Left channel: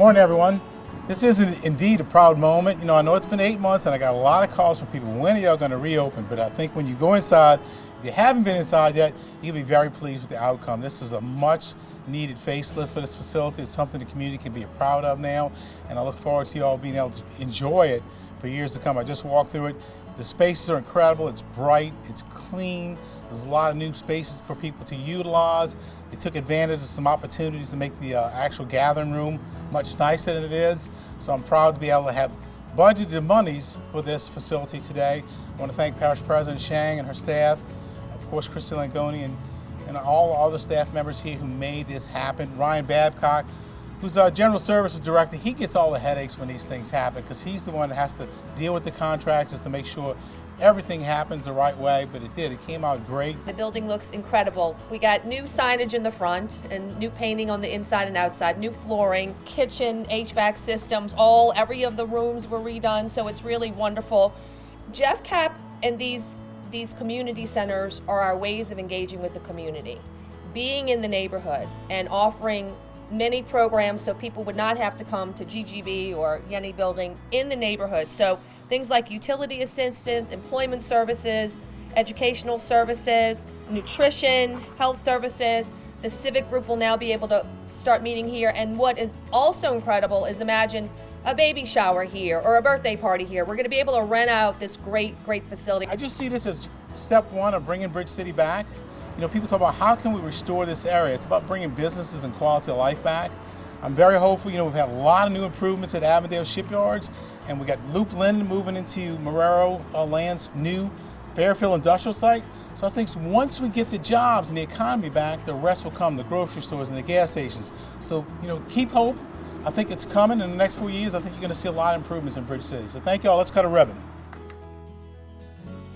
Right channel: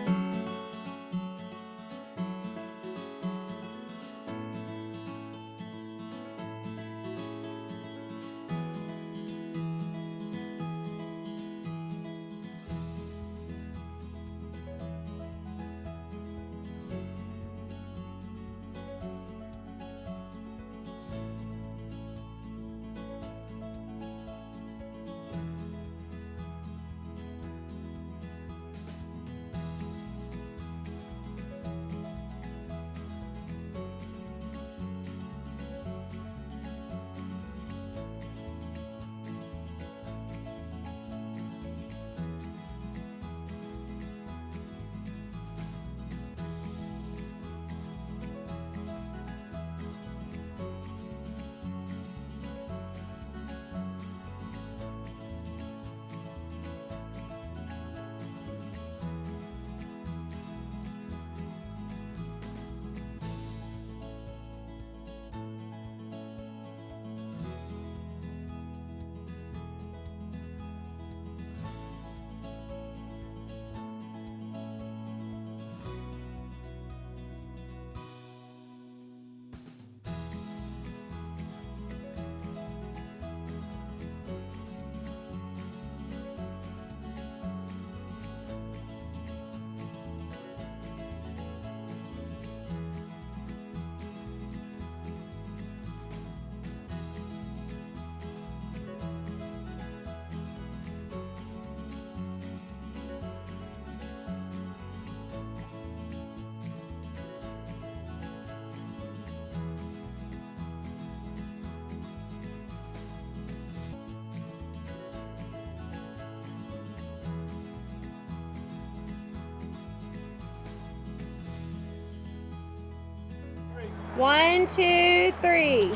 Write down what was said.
morning, everyone. This is indeed a proud moment. You know, I know it's been 8 months and I got a lot of calls from people. When are y'all going to reopen? But I think when you go inside, if you haven't been inside yet, you'll be very pleased with the outcome. This is a much needed facelift for this facility. It's something the community can be proud of now. And I look forward to you all being able to enjoy it for years to come. I just walked through it. The spaces are incredible. It's bright, it's clean. There's a lot of new spaces for people to utilize. They took advantage of some opportunities to make the actual gathering room much nicer than it is. So I'm proud to be able to have budgeted monies for this facility today. I want to thank Parish President Shang and her staff, of course Christy Langoni and all the other staff members here who made this happen. Ryan Babcock, who's our General Services Director, he gets all the headaches when these things happen because he's the one that has to deal with the contractors to make sure everything happens the right way, but it did. It came out great. The building looks incredible. We got new signage in the front and new painting on the inside and outside, new flooring, kitchen, HVAC systems, every of the rooms were redone, so it's really wonderful. Jeff Cap and these community centers are our ways of engaging with the community, being in the neighborhoods and offering many programs so people would not have to come to GGB or Yenny Building in the neighborhood. So things like utility assistance, employment services, educational services, nutrition, health services. The civic group will now be able to start meeting here. And what is also incredible is imagine a baby shower here or a birthday party here. We're going to be able to rent out this great facility. I just see this as step one of bringing Bridge City back. You know, people talk about how can we restore this area. It's about bringing businesses and quality of life back. I'm very hopeful. You know, we've had a lot of new improvements at Avondale Shipyards, and we got Loop Linden moving into Marrero Land's new Fairfield industrial site. So I think once we get the jobs and the economy back, the rest will come, the grocery stores and the gas stations. So, you know, keep hope. I think it's coming in the next 4 years. I think you're going to see a lot of improvements in Bridge City. So thank you all. Let's cut a ribbon. 1, 2, 3.